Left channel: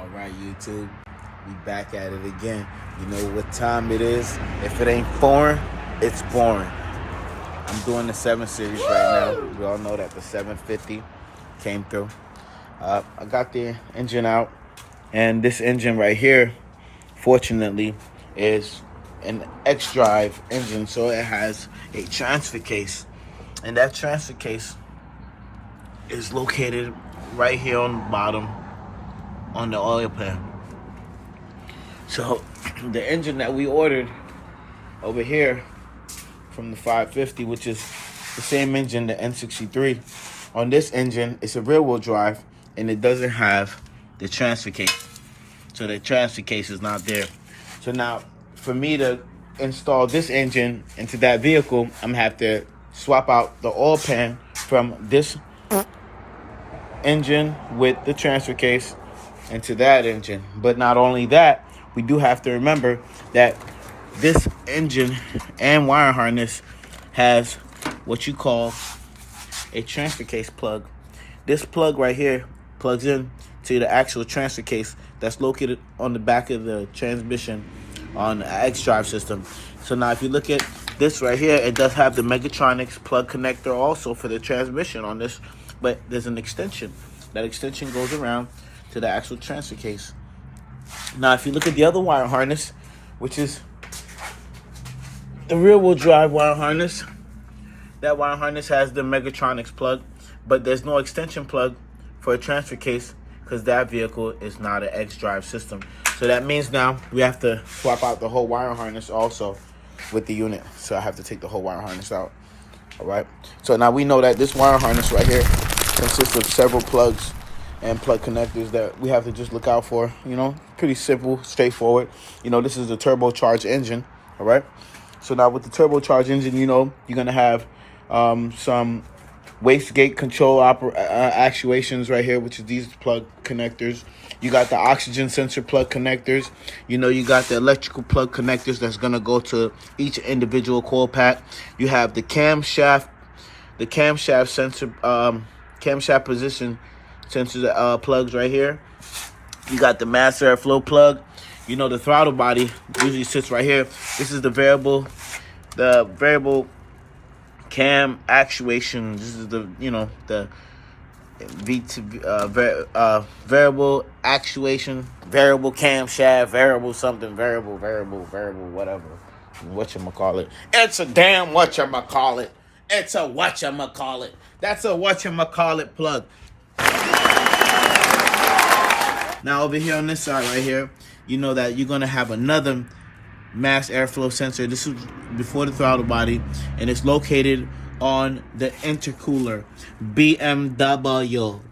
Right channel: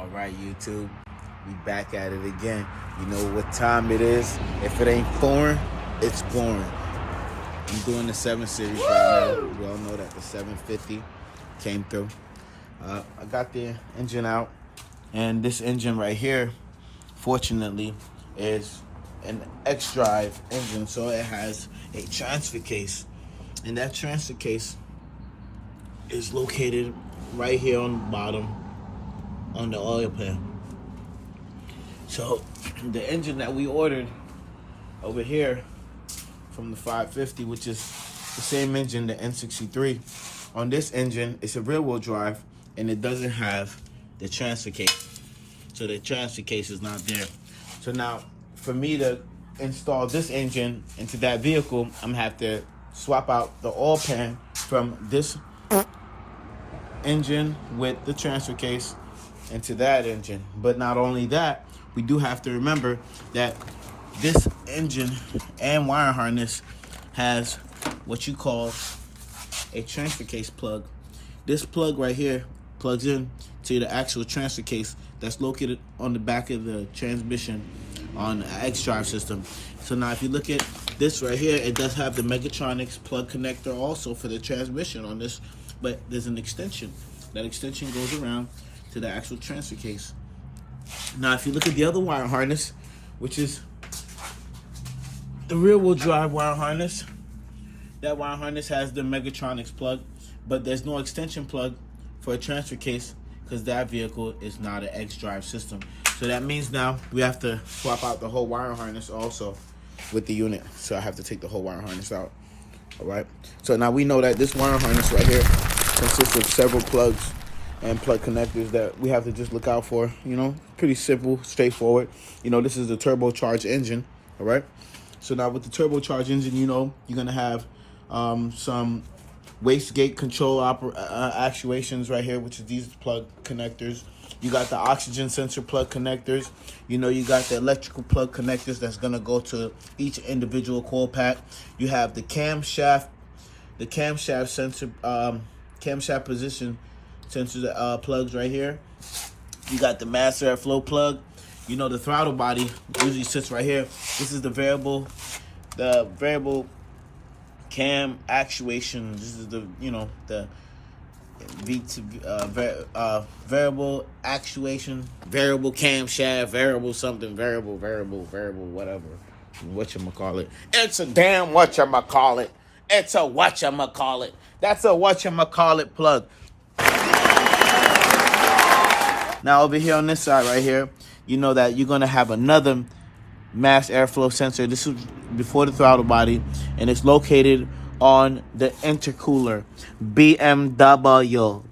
All right, YouTube, we back at it again. You know what time it is. If it ain't foreign, it's boring. I'm doing the 7 Series right now. We all know that the 750 came through. I got the engine out, and this engine right here, fortunately, is an XDrive engine, so it has a transfer case, and that transfer case is located right here on the bottom on the oil pan. So the engine that we ordered over here from the 550, which is the same engine, the N63, on this engine, it's a rear wheel drive and it doesn't have the transfer case. So the transfer case is not there. So now for me to install this engine into that vehicle, I'm gonna have to swap out the oil pan from this engine with the transfer case into that engine. But not only that, we do have to remember that this engine and wire harness has what you call a transfer case plug. This plug right here plugs in to the actual transfer case that's located on the back of the transmission on the XDrive system. So now if you look at this right here, it does have the Megatronics plug connector also for the transmission on this, but there's an extension. That extension goes around to the actual transfer case. Now, if you look at the other wire harness, which is the rear wheel drive wire harness, that wire harness has the Megatronics plug, but there's no extension plug for a transfer case because that vehicle is not an XDrive system. So that means now we have to swap out the whole wire harness also with the unit. So I have to take the whole wire harness out. All right. So now we know that this wire harness right here consists of several plugs and plug connectors that we have to just look out for. You know, pretty simple, straightforward. You know, this is a turbocharged engine. All right. So now with the turbocharged engine, you know, you're going to have some wastegate control actuations right here, which is these plug connectors. You got the oxygen sensor plug connectors. You know, you got the electrical plug connectors that's going to go to each individual coil pack. You have the camshaft sensor, camshaft position sensor plugs right here. You got the mass airflow plug. You know, the throttle body usually sits right here. This is the variable cam actuation. This is the, you know, the variable actuation, variable camshaft, variable something, variable, whatever. Whatchamacallit. It's a damn whatchamacallit. It's a whatchamacallit. That's a whatchamacallit plug. Now over here on this side right here, you know that you're going to have another mass airflow sensor. This is before the throttle body, and it's located on the intercooler. BMW.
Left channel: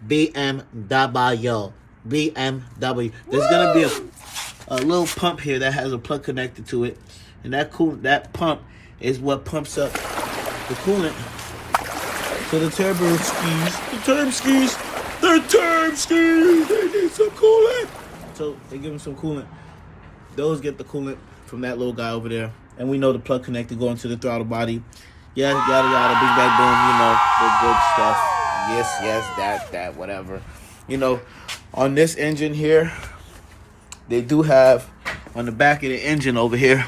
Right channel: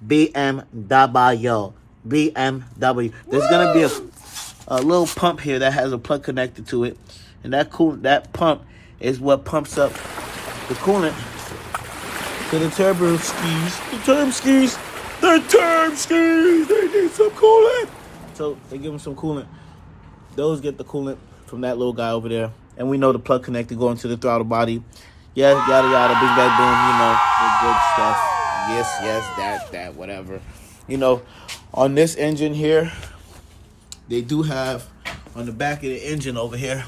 There's going to be a little pump here that has a plug connected to it, and that pump is what pumps up the coolant to the turbo skis. They need some coolant. So they give them some coolant. Those get the coolant from that little guy over there. And we know the plug connector going to the throttle body. Yes, yada yada, big bang boom, you know, the good stuff. Yes, that, whatever. You know, on this engine here, they do have on the back of the engine over here.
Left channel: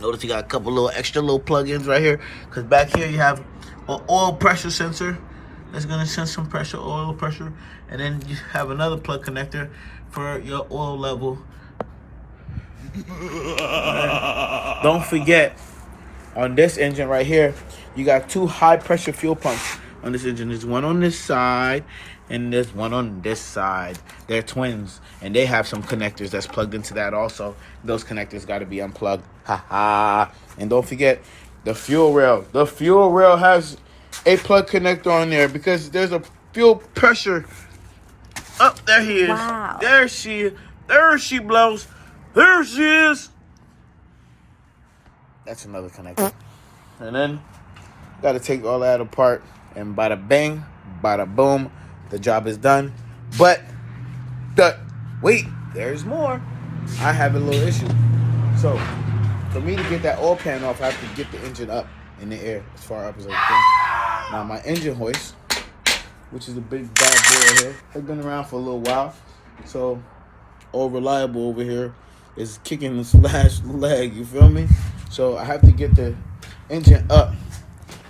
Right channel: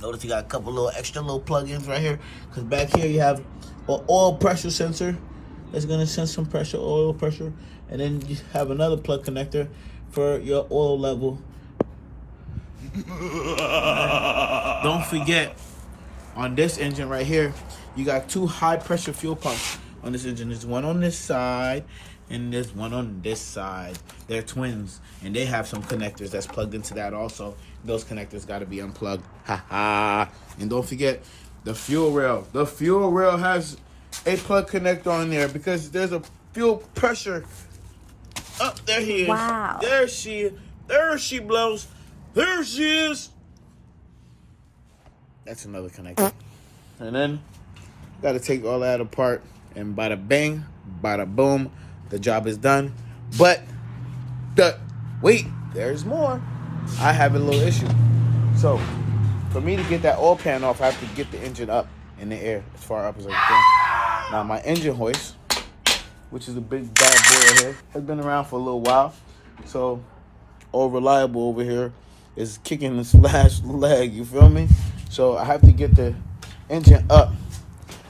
Notice you got a couple little extra little plug-ins right here. Because back here you have an oil pressure sensor that's going to sense some pressure, oil pressure. And then you have another plug connector for your oil level. Right. Don't forget, on this engine right here, you got 2 high-pressure fuel pumps on this engine. There's one on this side, and there's one on this side. They're twins, and they have some connectors that's plugged into that also. Those connectors got to be unplugged. And don't forget, the fuel rail. The fuel rail has a plug connector on there because there's a fuel pressure. Oh, there he is. Wow. There she blows. There she is. That's another connector. And then, got to take all that apart. And bada bang, bada boom, the job is done. But, wait, there's more. I have a little issue. So, for me to get that oil pan off, I have to get the engine up in the air as far up as I can. Now, my engine hoist, which is a big bad boy right here, has been around for a little while. So, all reliable over here is kicking this last leg, you feel me? So I have to get the engine up.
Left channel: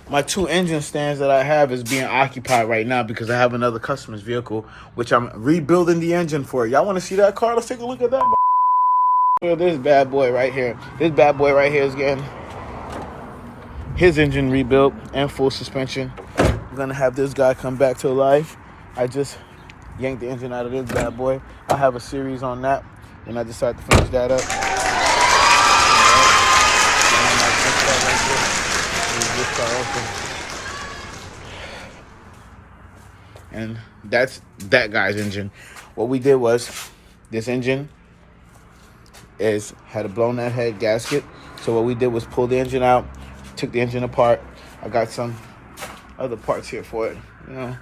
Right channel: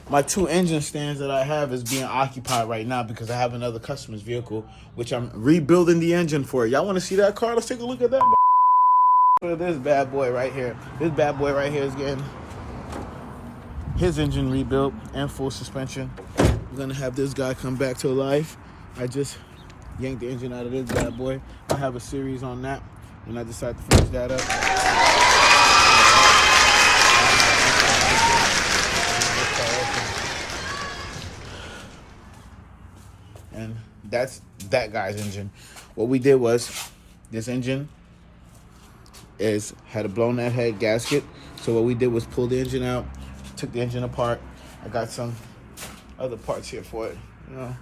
My 2 engine stands that I have is being occupied right now because I have another customer's vehicle, which I'm rebuilding the engine for. Y'all want to see that car? Let's take a look at that. This bad boy right here. This bad boy right here is getting his engine rebuilt and full suspension. We're going to have this guy come back to life. I just yanked the engine out of this bad boy. I have a series on that, and I decided to finish that up. And that's that guy's engine. What we did was, this engine had a blown out head gasket. So what we did was pull the engine out, took the engine apart. I got some other parts here for it. You know,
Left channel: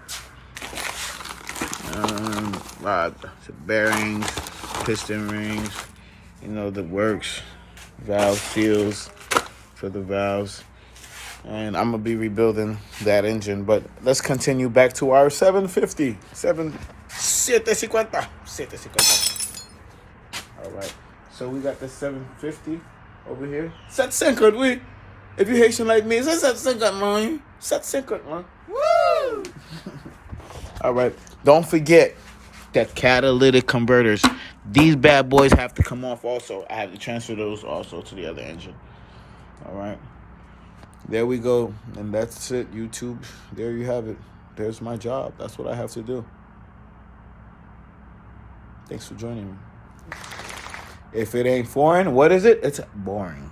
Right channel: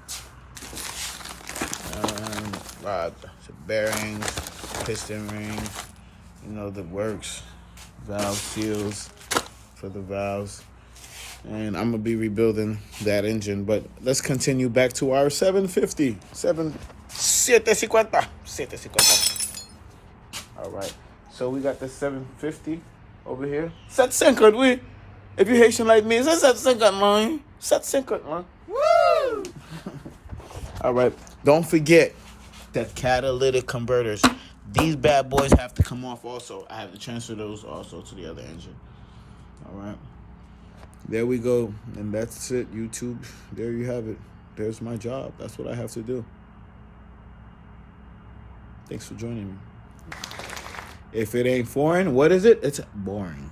bearings, piston rings, you know, the works, valve seals for the valves. And I'm gonna be rebuilding that engine, but let's continue back to our 750. 750. All right, so we got the 750 over here. 750, oui. If you're Haitian like me, it's 750, man. 750, man. Woo! All right, don't forget that catalytic converters. These bad boys have to come off also. I have to transfer those also to the other engine. All right. There we go. And that's it, YouTube. There you have it. There's my job. That's what I have to do. Thanks for joining me. If it ain't foreign, what is it? It's boring.